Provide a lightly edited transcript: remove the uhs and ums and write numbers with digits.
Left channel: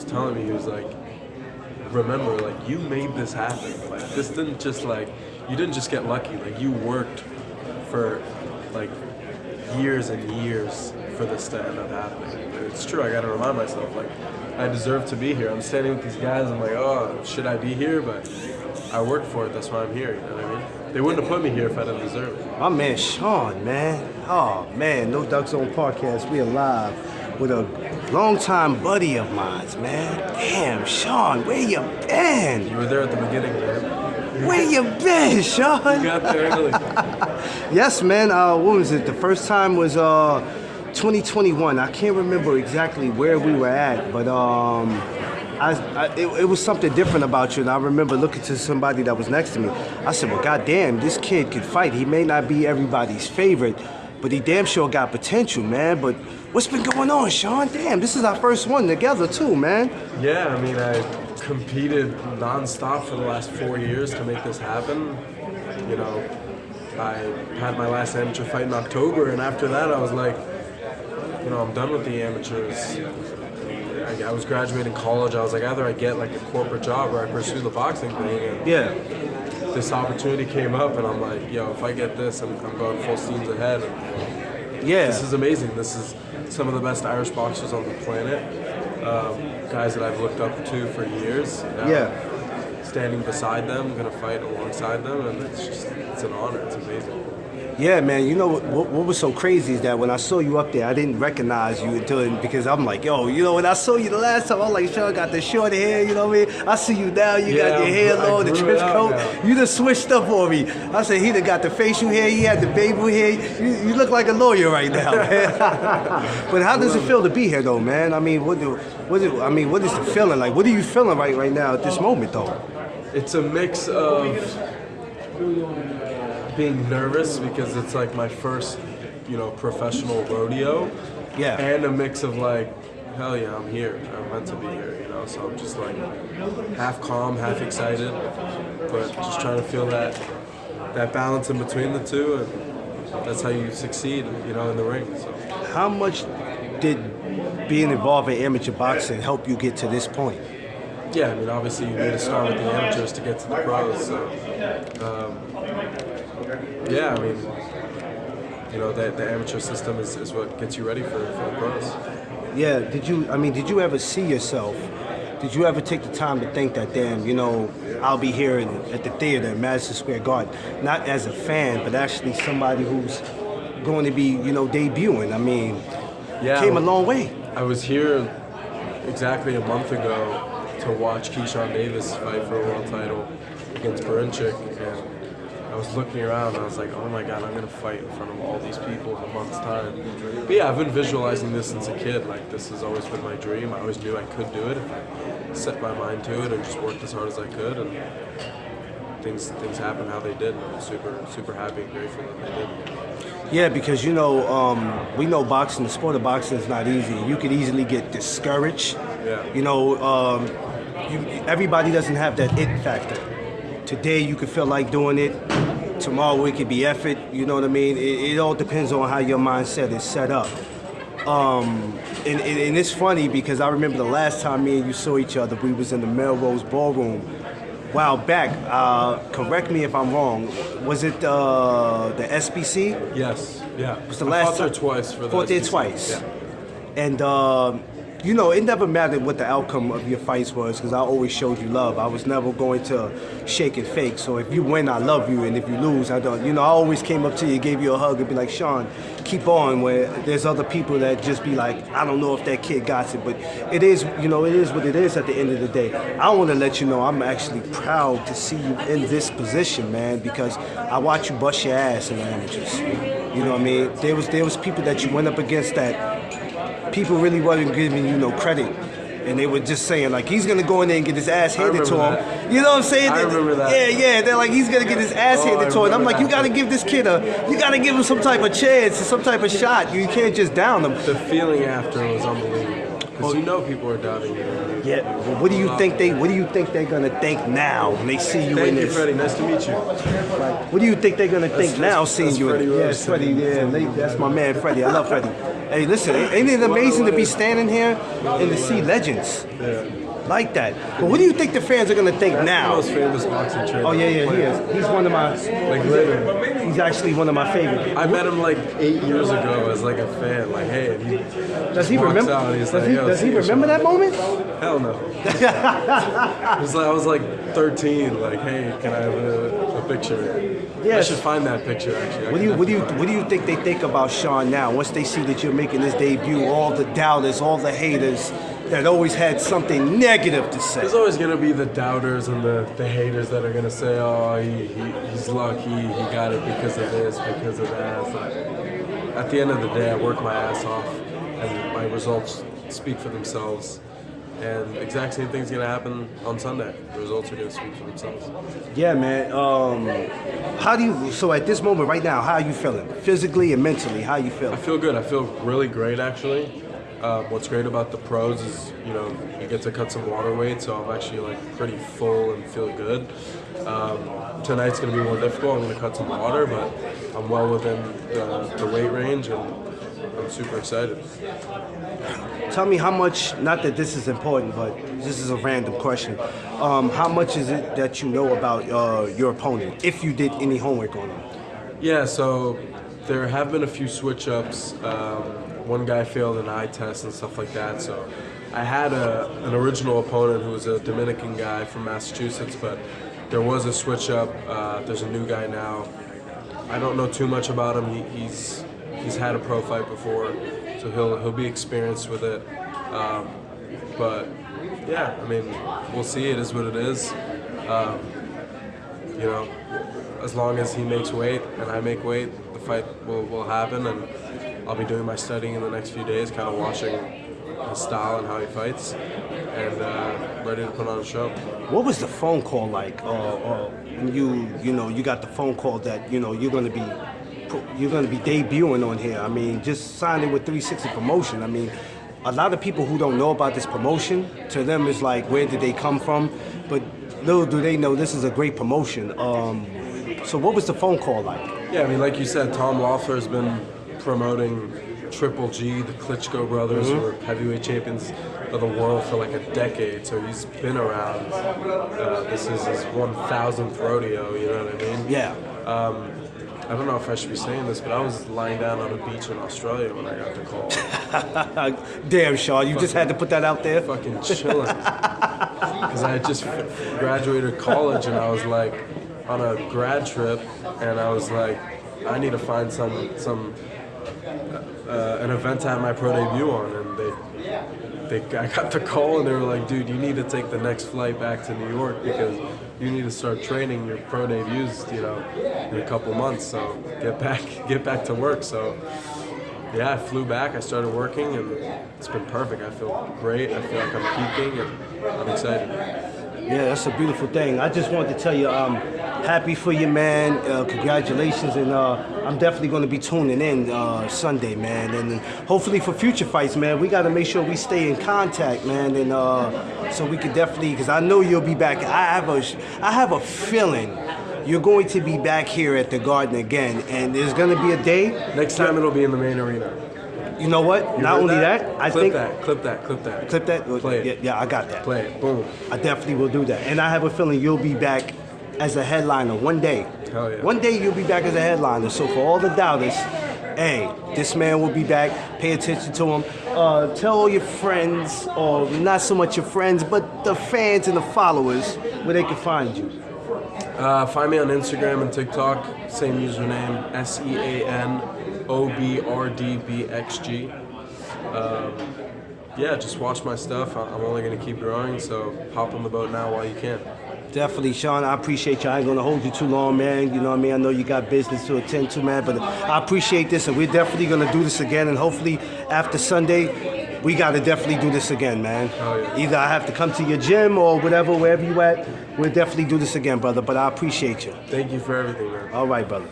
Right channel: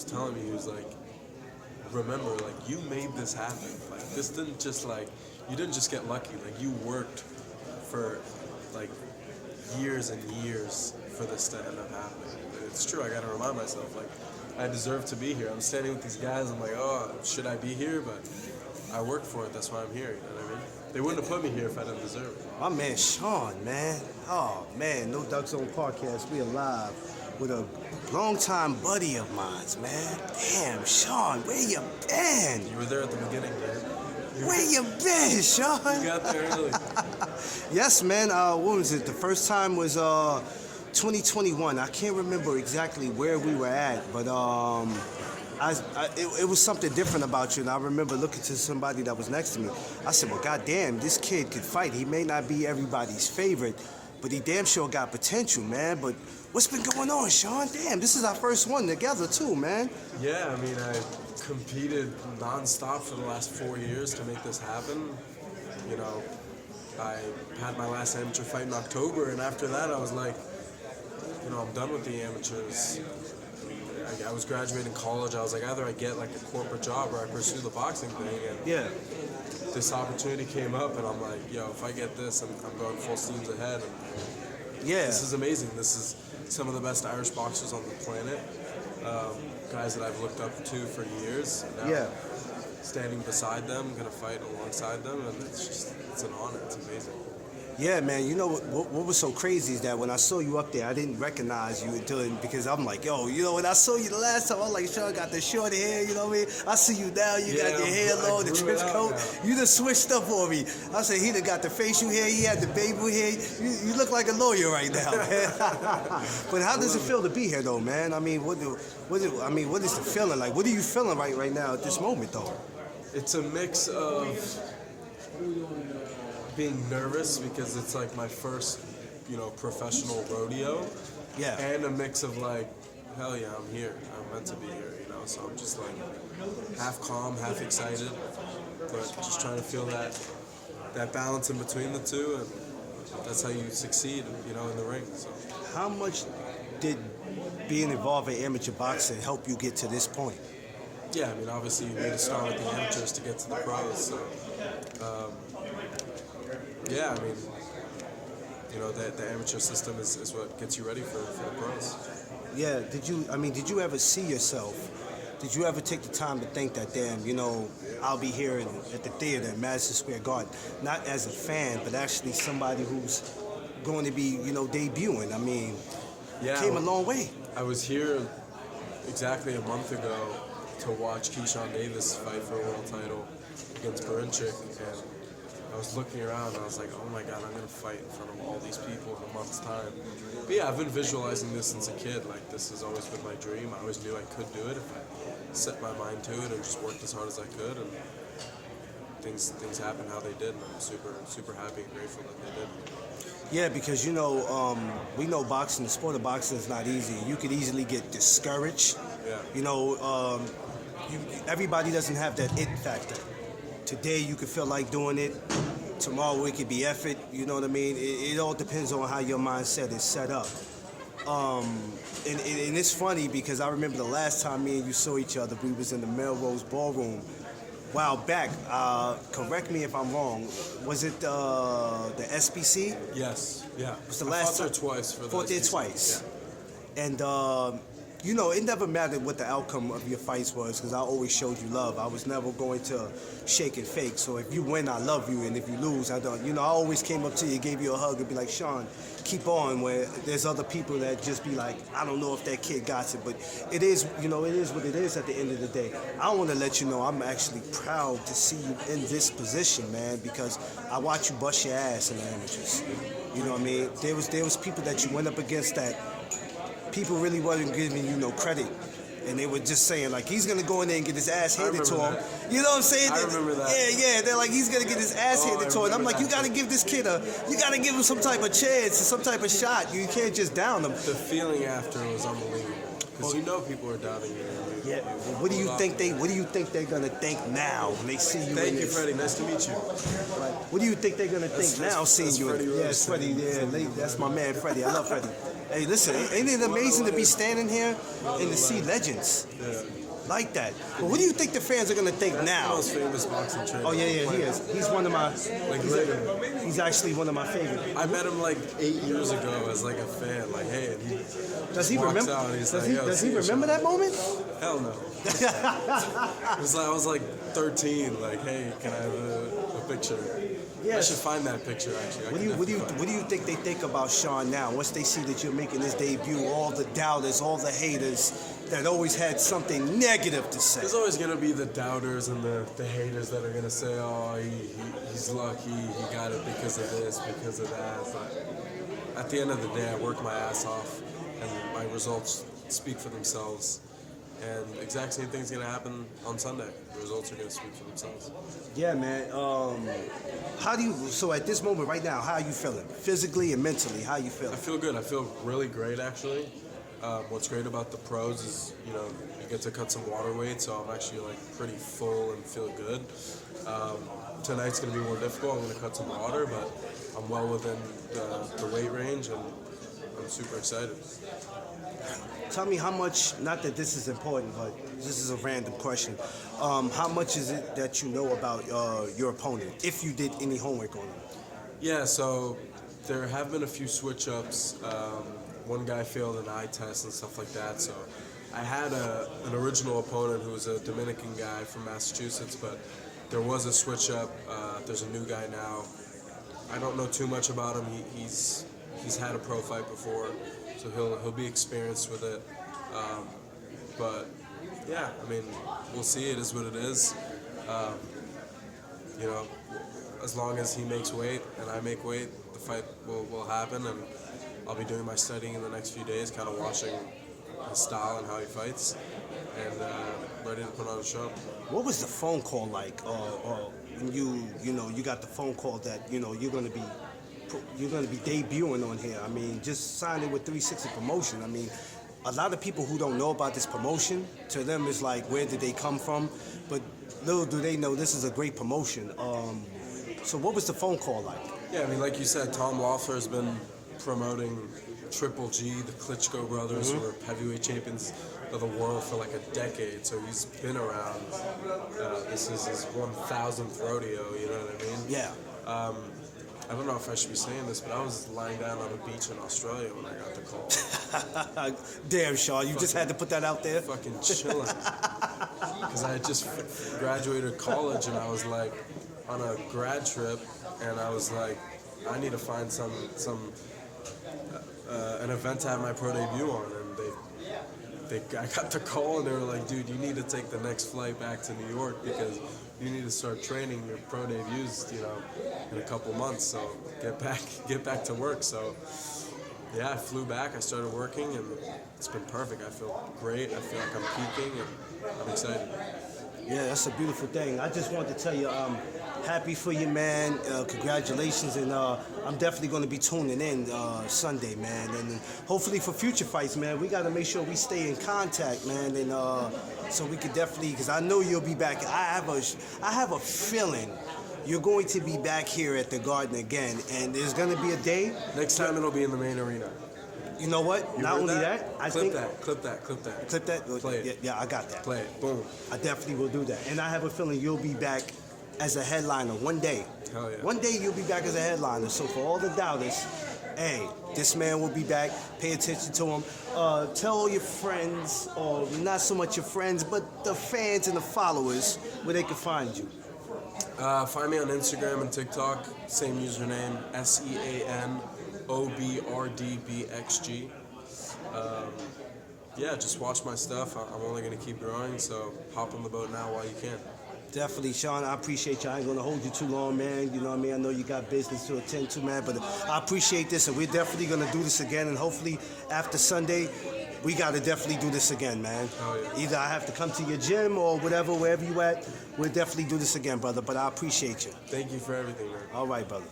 was telling me, he was like, remember, like, you made this happen. Like, this didn't just, like, you didn't just get lucky. Like, you worked for, like, years and years for this to end up happening. And it's true, I gotta remind myself, like, I deserve to be here. I'm standing with these guys, I'm like, oh, should I be here? But I worked for it, that's why I'm here, you know what I mean? They wouldn't have put me here if I didn't deserve it. My man Sean, man. Oh, man, No Duck Zone Podcast, we alive with a longtime buddy of mine, man. Damn, Sean, where you been? You were there at the beginning, man. Where you been, Sean? You got there early. Yes, man. What was it? The first time was 2021. I can't remember exactly where we were at, but it was something different about you. And I remember looking to somebody that was next to me. I said, well, goddamn, this kid could fight. He may not be everybody's favorite, but he damn sure got potential, man. But what's been going on, Sean? Damn, this is our first one together, too, man. Yeah, I mean, I competed nonstop for the last 4 years to make this happen. You know, I had my last amateur fight in October, and after that, I was like, you know, I'm done with the amateurs. I was graduating college. I was like, either I get like a corporate job or I pursue the boxing thing. And Yeah. this opportunity came up, and I'm like, yo, if I get this, I'm going full steams ahead. And Yeah. this is amazing. This is some of the best Irish boxers on the planet. Guys that I've looked up to for years. Yeah. Standing beside them, gonna fight alongside them, and it's an honor. It's amazing. Yeah, man. You know what was so crazy is that when I saw you up there, I didn't recognize you because I'm like, yo, you know, when I saw you the last time, I was like, Sean got the short hair, you know what I mean? I see you now, you got your hair long, the trench coat. You done switched up on me. I said, he done got the facial hair, he had the baby hair. You look like a lawyer right now, man. But how does it feel to be here, though, man? I mean, what is the feeling like? What are you feeling right now at this moment, though? It's a mix of being nervous because it's like my first, you know, professional rodeo. Yeah. And a mix of like, hell yeah, I'm here. I'm meant to be here, you know. So I'm just like half calm, half excited, but just trying to feel that balance in between the two, and that's how you succeed, you know, in the ring. So. How much did being involved in amateur boxing help you get to this point? Yeah, I mean, obviously you need to start with the amateurs to get to the pros. So, yeah, I mean, you know, the amateur system is what gets you ready for the pros. Yeah. Did you ever see yourself? Did you ever take the time to think that, damn, you know, I'll be here at the theater in Madison Square Garden, not as a fan, but actually somebody who's going to be, you know, debuting? I mean, yeah, came a long way. I was here exactly a month ago to watch Keyshawn Davis fight for a world title against Barinchik, and I was looking around and I was like, oh my god, I'm gonna fight in front of all these people in a month's time. But yeah, I've been visualizing this since a kid. Like, this has always been my dream. I always knew I could do it if I set my mind to it and just worked as hard as I could, and things happened how they did, and I'm super happy and grateful that they did. Yeah, because, you know, we know boxing, the sport of boxing is not easy. You could easily get discouraged. Yeah. You know, everybody doesn't have that it factor. Today you could feel like doing it. Tomorrow it could be effort. You know what I mean? It all depends on how your mindset is set up. And it's funny because I remember the last time me and you saw each other, we was in the Melrose Ballroom a while back. Correct me if I'm wrong. Was it the SBC? Yes. Yeah. Was the I last fought there time? twice for the Fought there SBC. twice. Yeah. And you know, it never mattered what the outcome of your fights was because I always showed you love. I was never going to shake and fake. So if you win, I love you, and if you lose, I don't. You know, I always came up to you, gave you a hug, and be like, Sean, keep on. Where there's other people that just be like, I don't know if that kid got it, but it is, you know, it is what it is at the end of the day. I want to let you know I'm actually proud to see you in this position, man, because I watch you bust your ass in the amateurs. You know what I mean? There was people that you went up against that people really wasn't giving you no credit. And they were just saying, like, he's going to go in there and get his ass handed to him. That. You know what I'm saying? I remember that. Yeah. They're like, he's going to get his ass handed to him. I'm like, you got to give this kid you got to give him some type of chance, some type of shot. You can't just down him. The feeling after was unbelievable. Because you know people are doubting you. Yeah. Well, what do you think they're gonna think now when they see you in Thank you, this? Freddie. Nice to meet you. What do you think they're gonna think now seeing you in Freddie it? Yeah, Rose. Freddie. Yeah, that's my man, Freddie. I love Freddie. Hey, listen, ain't it amazing to be standing here and to see legends like that? But what do you think the fans are gonna think That's now? the most famous boxing trainer. Oh yeah, he is. He's one of my. Like literally. He's actually one of my favorite. I met him like 8 years ago as like a fan. Like, hey, and he Does he walks remember? out and he's Does like, he, yo, does he see you, remember Sean. that moment? Hell no. I was like 13. Like, hey, can I have a picture? I Yes. should find that picture actually. What do you think they think about Sean now? Once they see that you're making this debut, all the doubters, all the haters that always had something negative to say. There's always gonna be the doubters and the haters that are gonna say, oh, he's lucky, he got it because of this, because of that. But at the end of the day, I work my ass off, and my results speak for themselves. And the exact same thing's gonna happen on Sunday. The results are gonna speak for themselves. Yeah, man. How do you? So at this moment, right now, how are you feeling? Physically and mentally, how you I feeling? feel good. I feel really great actually. What's great about the pros is, you get to cut some water weight, so I'm actually like pretty full and feel good. Tonight's gonna be more difficult. I'm gonna cut some water, but I'm well within the weight range, and I'm super excited. Tell me how much. Not that this is important, but this is a random question. How much is it that you know about your opponent? If you did any homework on him? Yeah, so there have been a few switch-ups. One guy failed an eye test and stuff like that, so I had an original opponent who was a Dominican guy from Massachusetts, but there was a switch-up. There's a new guy now. I don't know too much about him. He's had a pro fight before, so he'll be experienced with it. But yeah, I mean, we'll see. It is what it is. As long as he makes weight and I make weight, the fight will happen, and I'll be doing my studying in the next few days, kind of watching his style and how he fights, and ready to put on a show. What was the phone call like? When you got the phone call that you're gonna be debuting on here. I mean, just signing with 360 Promotion. I mean, a lot of people who don't know about this promotion, to them it's like, where did they come from? But little do they know this is a great promotion. So what was the phone call like? Yeah, I mean, like you said, Tom Loeffler has been promoting Triple G, the Klitschko brothers, who are heavyweight champions of the world for like a decade. So he's been around. This is his 1,000th rodeo. You know what I mean? Yeah. I don't know if I should be saying this, but I was lying down on a beach in Australia when I got the call. Damn, Shaw, you just had to put that out there. Fucking chilling. Because I had just graduated college, and I was like on a grad trip, and I was like, I need to find an event to have my pro debut on, and I got the call, and they were like, dude, you need to take the next flight back to New York because you need to start training your pro debuts, in a couple months. So get back to work. So yeah, I flew back. I started working, and it's been perfect. I feel great. I feel like I'm peaking, and I'm excited. Yeah, that's a beautiful thing. I just wanted to tell you, I'm happy for you, man. Congratulations, and I'm definitely going to be tuning in Sunday, man. And hopefully for future fights, man, we got to make sure we stay in contact, man. And so we could definitely, because I know you'll be back. I have a feeling you're going to be back here at the Garden again, and there's going to be a day. Next time it'll be in the main arena. You know what? You Not heard only that? that, I Clip think that. Clip that. Play it. Yeah, I got that. Play it. Boom. I definitely will do that. And I have a feeling you'll be back as a headliner one day. Hell yeah. One day you'll be back as a headliner. So for all the doubters, hey, this man will be back. Pay attention to him. Tell all your friends, or not so much your friends, but the fans and the followers, where they can find you. Find me on Instagram and TikTok. Same username, SEANOBRDBXG. Yeah, just watch my stuff. I'm only going to keep growing, so hop on the boat now while you can. Definitely, Sean. I appreciate you. I ain't gonna hold you too long, man. You know what I mean? I know you got business to attend to, man. But I appreciate this, and we're definitely gonna do this again. And hopefully, after Sunday, we gotta definitely do this again, man. Oh, yeah. Either I have to come to your gym or whatever, wherever you at. We'll definitely do this again, brother. But I appreciate you. Thank you for everything, man. All right, brother.